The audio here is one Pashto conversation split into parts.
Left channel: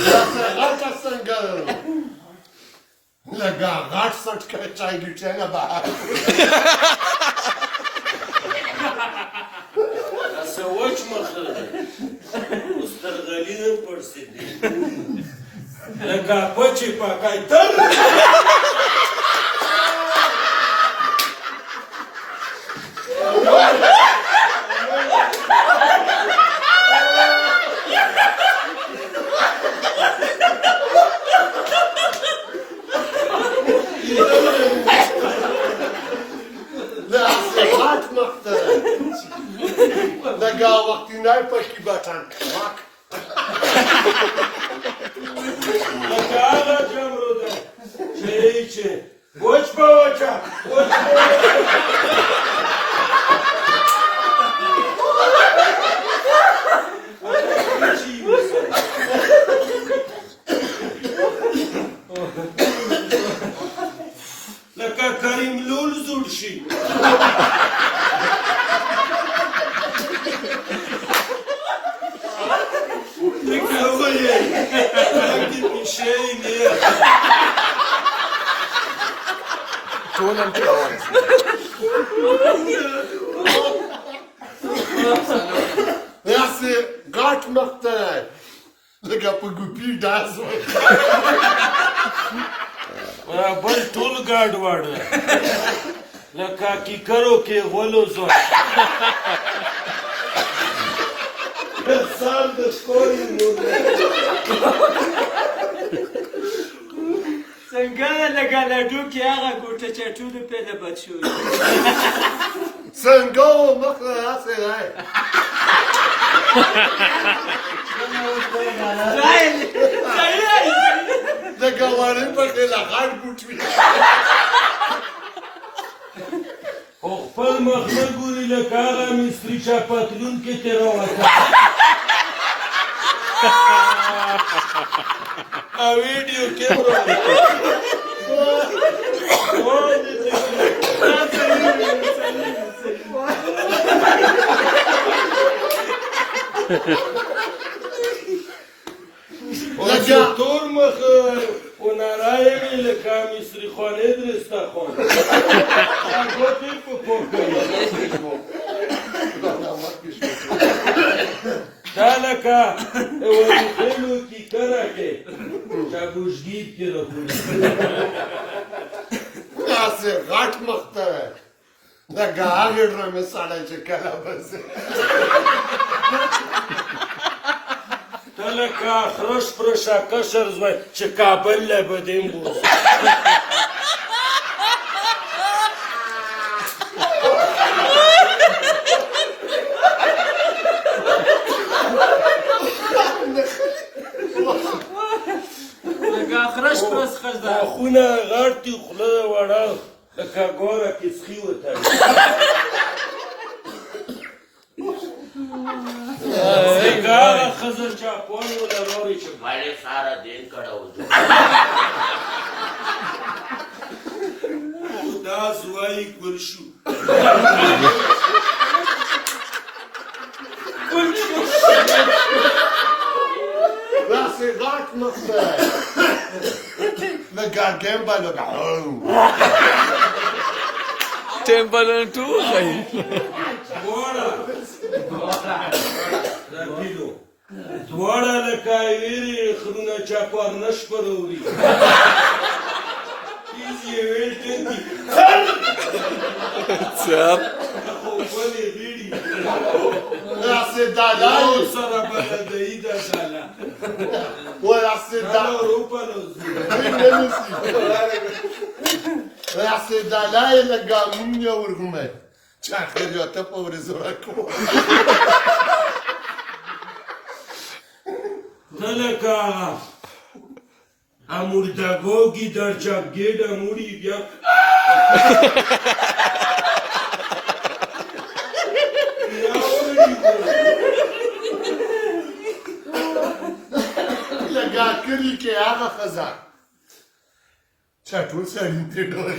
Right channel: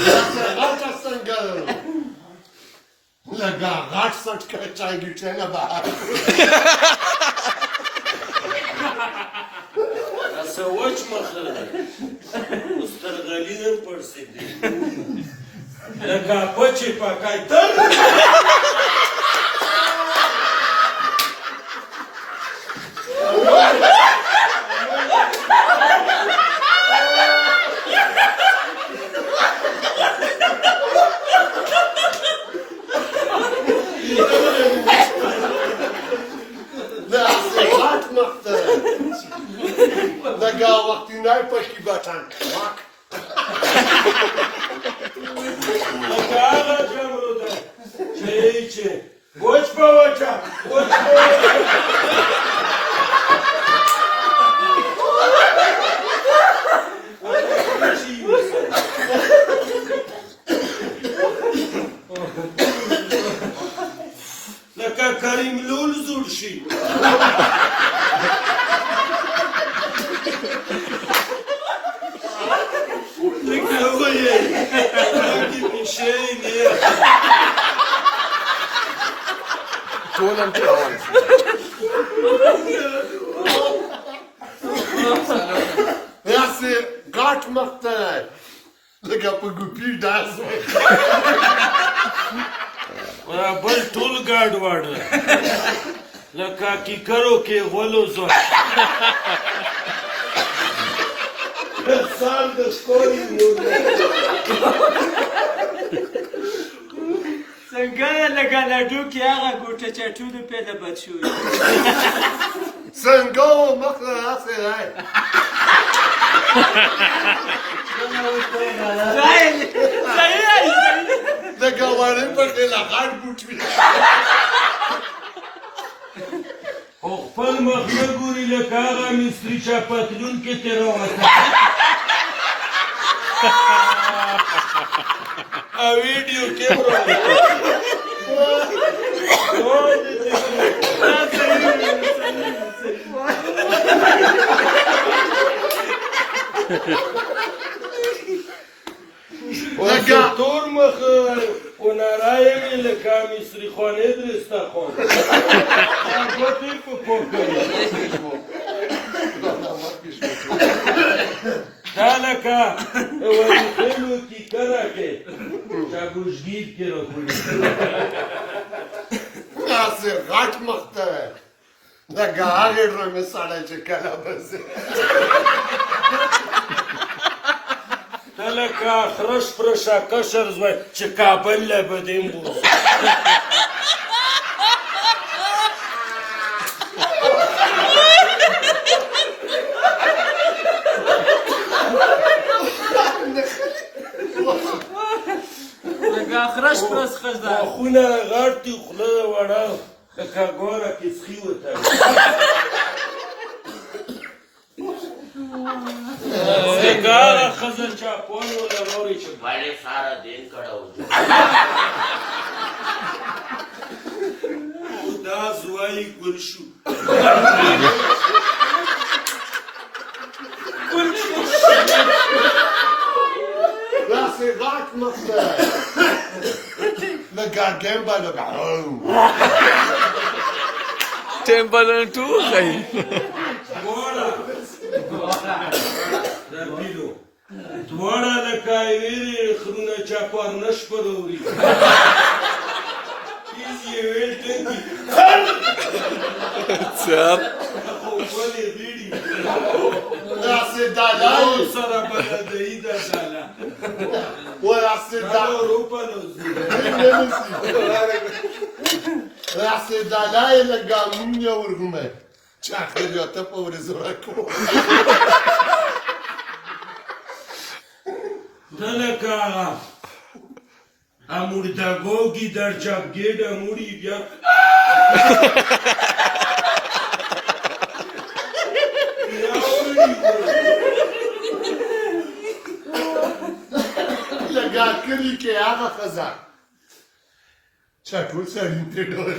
Asta څنګه لکه غټ سټ کې چای ګټه نه بهر سوچ مخه مسترغلین پرسیدی لکه پچی پاکای تر لکه وقتی نای پاکی باتن لکه آغا جمرو ده چه ایچه وچ با وچا وچ با وچا لکه کریم لول زور شي داسې غټ مخ ته لکه په ګوپي ډاس بل ټول ګاډ واړه لکه کیکرو کې غولو زوی سال د ستوري څنګه لکه لډو کې هغه ګوټه چټو پیدا بد شوی څنګه مخ راسه راي لکه وړې په کې لا غټ بوټي خو خپل مخ نه ګوري لکه هغه مصري چا پتلون کې تېروته ویډیو کیمرا لکه تور مخ ونراینې لکه مصري خوانې درسترخوان ګوتې په پوکوي دا لکه وظیفه‌نو کې کره کې چابوشګیر کې راخوري داسې غټ مخ ته لکه هغې رنګه سړی چې کله بځي ته لکه خرش پرشه کشر زوی چې کابل له بدیم بوځي لکه خرش پرس خزه خونه غټ دي خوله وړه لکه ګوره کې سخي وتړي لکه هغه ښځه چې اپوی ولروري چې بړې ساره دین کړه وځو دا زوی ګل شو داسې غټ مخ ته لکه ګمبه لکه ټیمبلن ټول دی دواړه رپیدو دواړه لکه ویرې خرونه چاپار نشپړوري تیز یې ویل ټنګي سر خو ولې بیړي داسې دالای سره بلدهی ده ساله داسې اروپا نوزي داسې دالای لکه مونږ یې ورغومه چې اخر یاته په ورځو راکو ته لکه اموردگوگی در چپگید اموری بیا لکه کلی کې هغه ښځه چا ټول سړي ته ډولې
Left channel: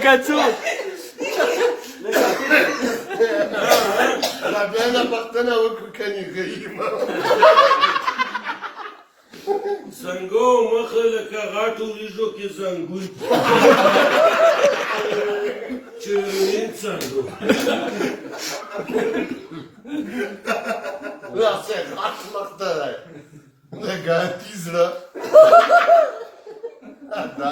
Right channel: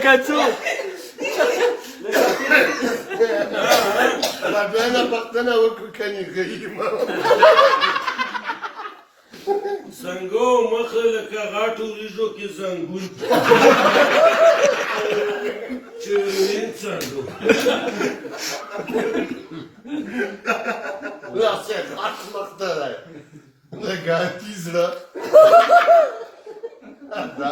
لکه څوک رابعه پښتنه وکړو کني غیم څنګه مخه لکه غاټو ریزو کې زنګون چرین څنګه راسه غاټ مخته ده نه ګاټی زړه